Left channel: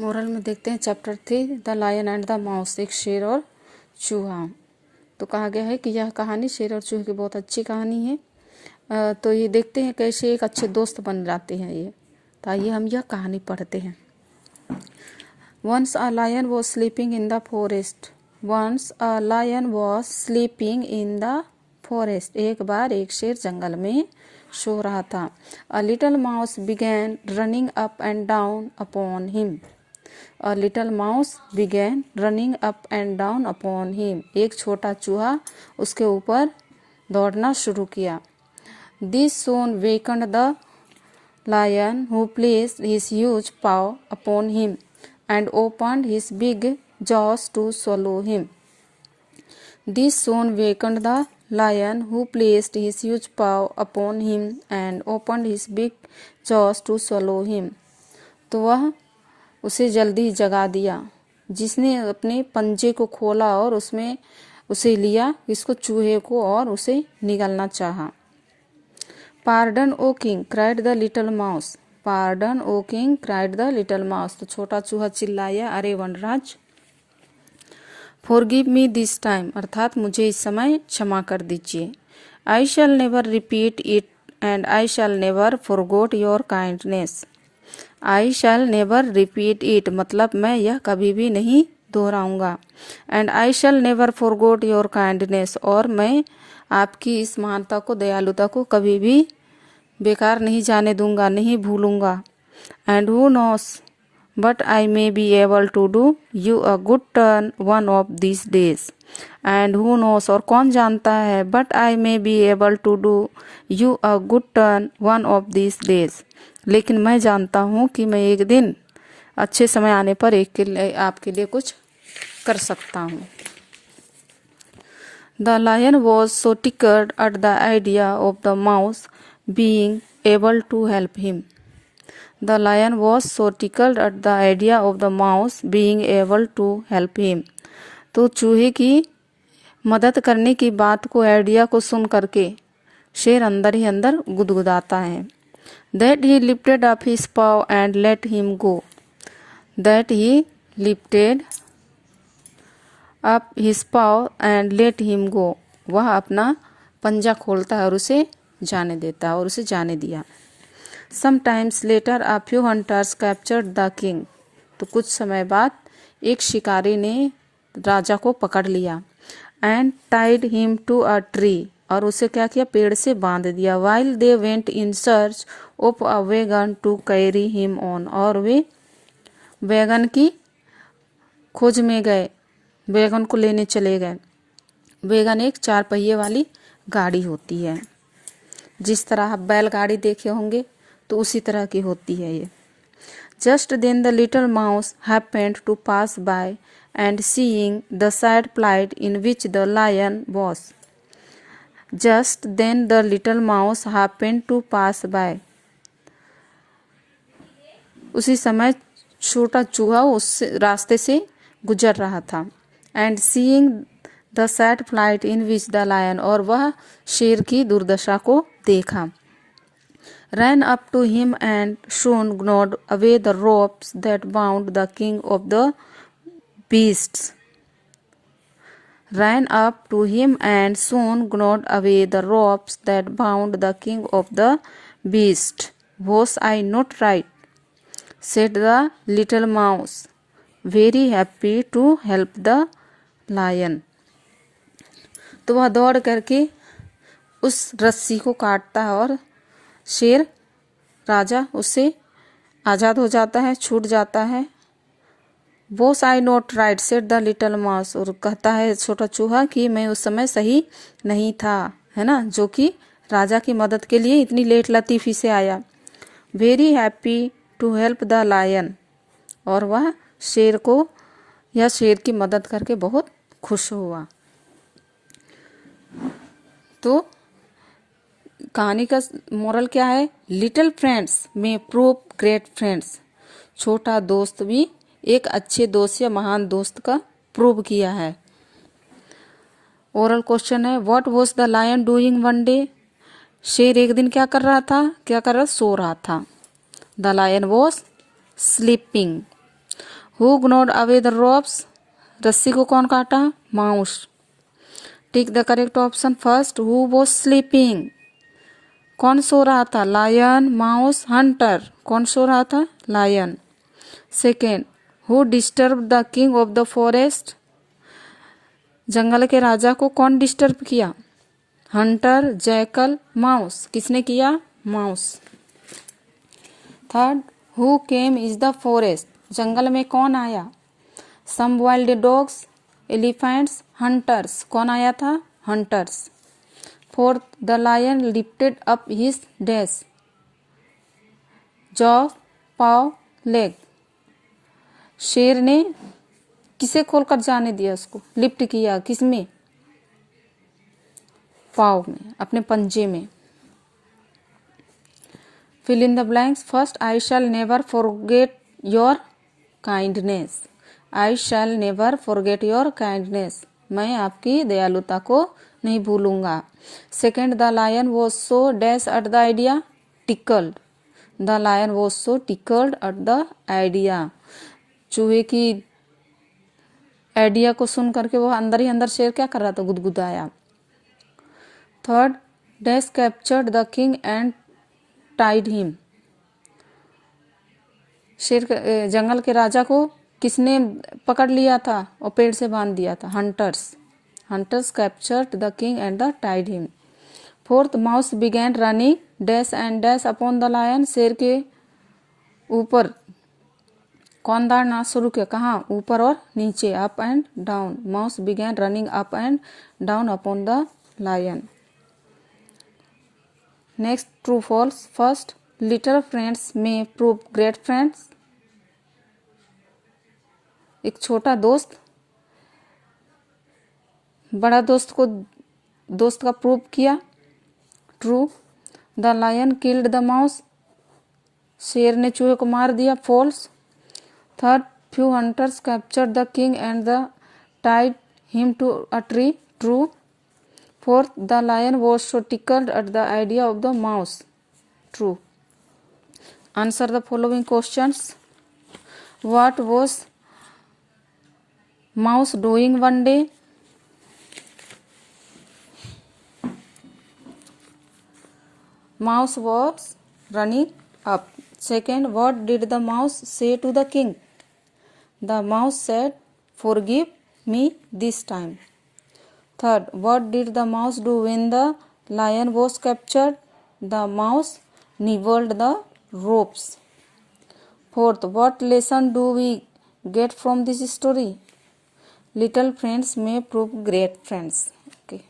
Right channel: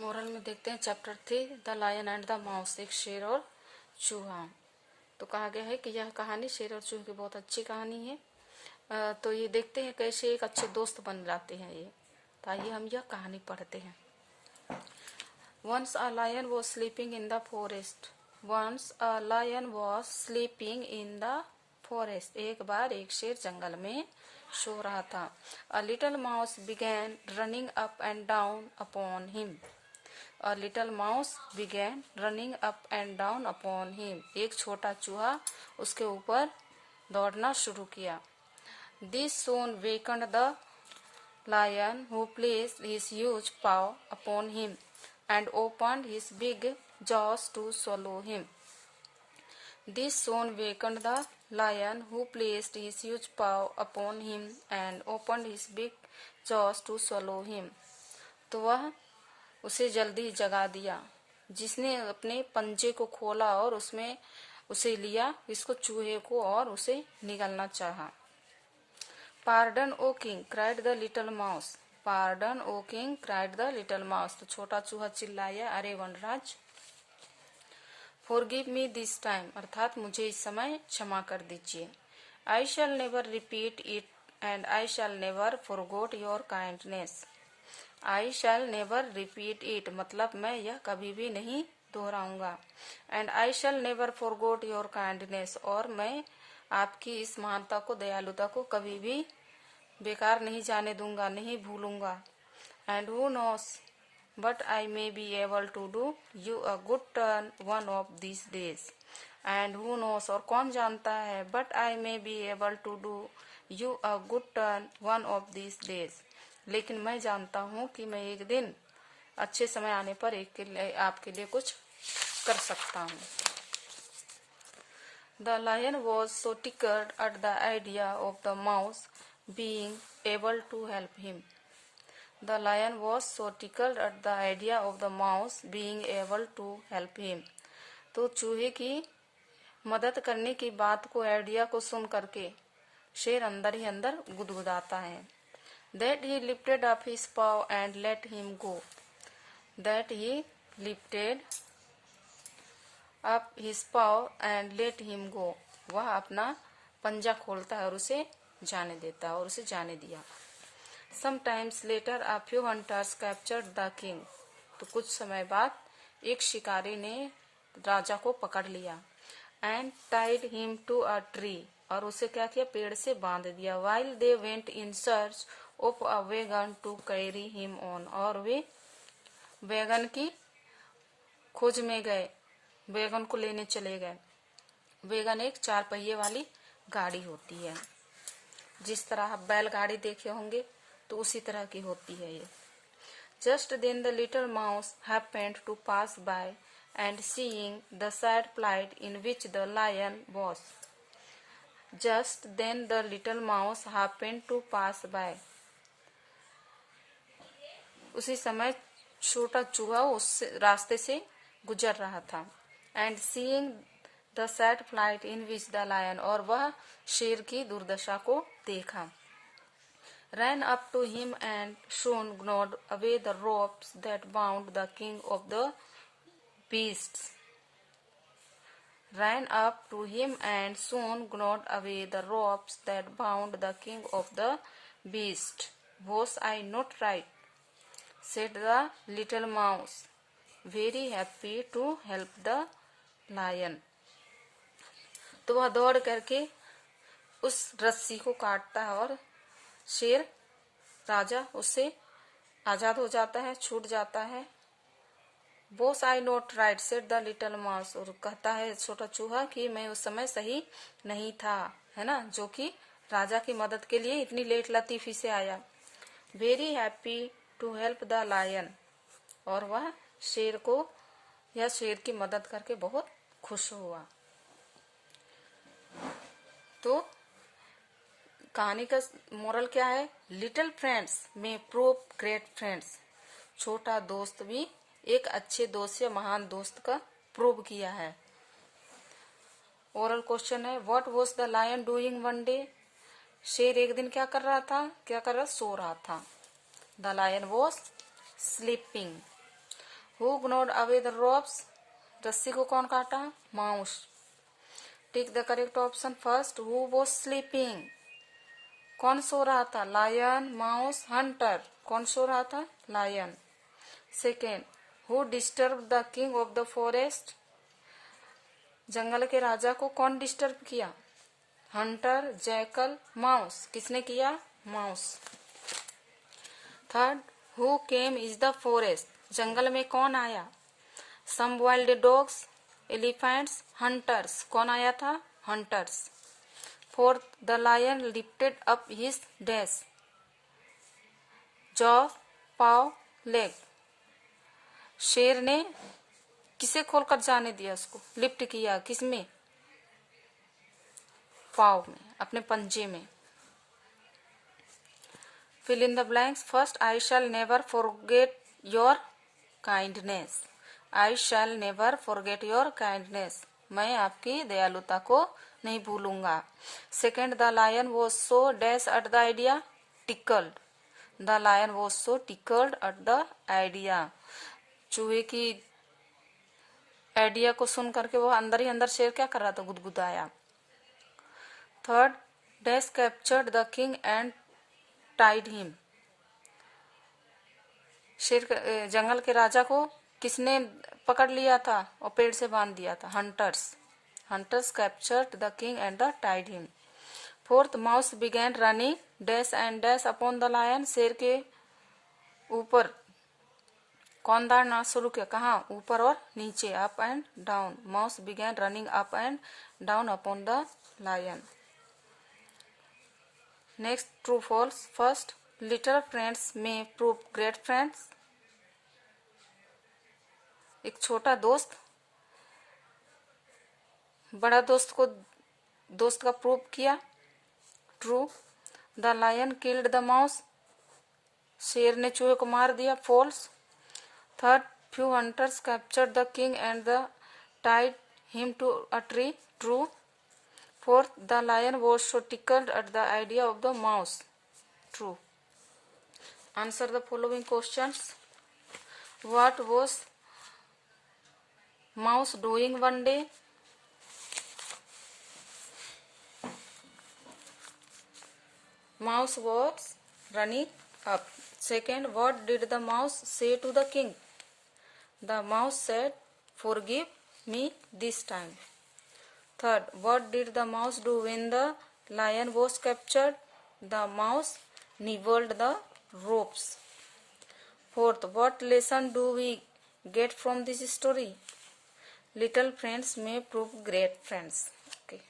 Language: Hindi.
मोरल में देखते हैं chapter 3 the lion and the mouse, एक शेर और चूहा। तो कहा गया है कि यह कहानी शेर और चूहे की बहुत अच्छी कहानी है। तो ये देखते हैं कैसे एक अच्छे दोस्त बन जाते हैं ये। तो आइए हम यह कहानी पढ़ते हैं। Once a lion was sleeping in the forest. Once a lion was sleeping in the forest. एक बार एक शेर जंगल में सो रहा था। A little mouse began running up and down upon him. A little mouse began running up and down upon him. एक छोटा चूहा उसके ऊपर दौड़ना शुरू किया। This soon wakened the lion, who placed his huge paw upon him and opened his big jaws to swallow him. This soon wakened the lion, who placed his huge paw upon him and opened his big jaws to swallow him. तो वह उसे जल्दी जगा दिया, जिसने अपने पंजे को खोला और उसमें उसे लिया, इसको चूहे को, और उसे निगलना चाहा। Pardon, O king, cried the little mouse. Pardon, O king, cried the little mouse. तो छोटा चूहा चिल्लाया, अरे वनराज, Forgive me this time, अर्थात मुझे इस समय क्षमा कर दीजिए। I shall never repeat it and I shall never forget your kindness. I shall never repeat it मतलब मैं यह कभी भी नहीं दोहराऊंगा। And I shall never forget your kindness और मैं आपकी इस महानता को, दयालुता को कभी भी बेकार नहीं जाने दूंगा, नहीं भूलूंगा। And who knows, but I may be able to do you a good turn one of these days. And who knows और कौन जानता है, but I may be able to do you a good turn one of these days. लेकिन मैं जानता हूँ कि मैं एक दिन अच्छे समय आने पर आपके लिए कुछ कर सकता हूँ। The lion was so tickled at the idea of the mouse being able to help him. The lion was so tickled at the idea of the mouse being able to help him. तो चूहे की मदद करने की बात को, आइडिया को सुन करके शेर अंदर ही अंदर गुदगुदाता है। That he lifted up his paw and let him go. That he lifted up his paw and let him go. वह अपना पंजा खोलता है और उसे जाने देता है, और उसे जाने दिया। Sometimes later a few hunters captured the king. तो कुछ समय बाद एक शिकारी ने राजा को पकड़ लिया। And tied him to a tree. और उसे क्या किया, पेड़ से बांध दिया। While they went in search of a wagon to carry him on. और वे वैगन की खोज में गए, वैगन को लेने चले गए। वैगन एक 4 पहिए वाली गाड़ी होती है, जिस तरह आप बैलगाड़ी देखे होंगे तो उसी तरह की होती है ये। Just then the little mouse happened to pass by and seeing the sad plight in which the lion was. Just then the little mouse happened to pass by. उसी समय छोटा चूहा उस रास्ते से गुजर रहा था। And seeing the sad plight in which the lion, और वह शेर की दुर्दशा को देखा। Ran up to him and soon gnawed away the ropes that bound the king of the beasts. Ran up to him and soon gnawed away the ropes that bound the king of the beasts. Was I not right? Said the little mouse, very happy to help the lion. तो वह दौड़ करके उस रस्सी को काटता है और शेर राजा उससे आज़ाद हो जाता है, छूट जाता है। Was I not right? said the little mouse. और कहता है छोटा चूहा कि मैं उस समय सही नहीं था, है ना, जो कि राजा की मदद के लिए इतनी लेट लतीफ़ी से आया। Very happy to help the lion. और वह शेर को या शेर की मदद करके बहुत खुश हुआ। तो कहानी का मोरल क्या है? Little friends may prove great friends. छोटा दोस्त भी एक अच्छे दोस्त या महान दोस्त का प्रूव किया है। ओरल क्वेश्चन है, what was the lion doing one day? शेर एक दिन क्या कर रहा था? सो रहा था। The lion was sleeping. Who gnawed away the ropes? रस्सी को कौन काटा? Mouse. Take the correct option first. Who was sleeping? कौन सो रहा था? Lion, mouse, hunter. कौन सो रहा था? Lion. Second, who disturbed the king of the forest? जंगल के राजा को कौन डिस्टर्ब किया? Hunter, jackal, mouse. किसने किया? Mouse. Third, who came is the forest? जंगल में कौन आया? Some wild dogs, elephants, hunters. कौन आया था? Hunters. Fourth, the lion lifted up his dash. Jaw, paw, leg. शेर ने किसे खोलकर जाने दिया? उसको लिफ्ट किया. किसमें? पाव में, अपने पंजे में. Fill in the blanks. First, I shall never forget your kindness. I shall never forget your kindness. मैं आपकी दयालुता को नहीं भूलूंगा. Second, the lion was so dash at the idea. Tickled. The lion was so tickled at the idea. चूहे की आइडिया को सुन करके वो अंदर ही अंदर शेर क्या कर रहा था? गुदगुदाया. Third, dash captured the king and tied him. शेर जंगल के राजा को किसने पकड़ लिया था और पेड़ से बांध दिया था? Hunters. Hunters captured the king and the tied him. Fourth, mouse began running dash and dash upon the lion. शेर के ऊपर कौन दौड़ना शुरू किया? कहाँ? ऊपर और नीचे. Up and down. Mouse began running up and down upon the lion. Next, true false. First, little friends may prove great friends. एक छोटा दोस्त बड़ा दोस्त को दोस्त का प्रूव किया. True. The lion killed the mouse. शेर ने चूहे को मार दिया. False. Third, few hunters captured the king and the tied him to a tree. True. Fourth, the lion was so tickled at the idea of the mouse. True. Answer the following questions. What was mouse doing one day? Mouse was running up. Second, what did the mouse say to the king? The mouse said, "Forgive me this time." Third, what did the mouse do when the lion was captured? The mouse nibbled the ropes. Fourth, what lesson do we get from this story? Little friends may prove great friends. Okay.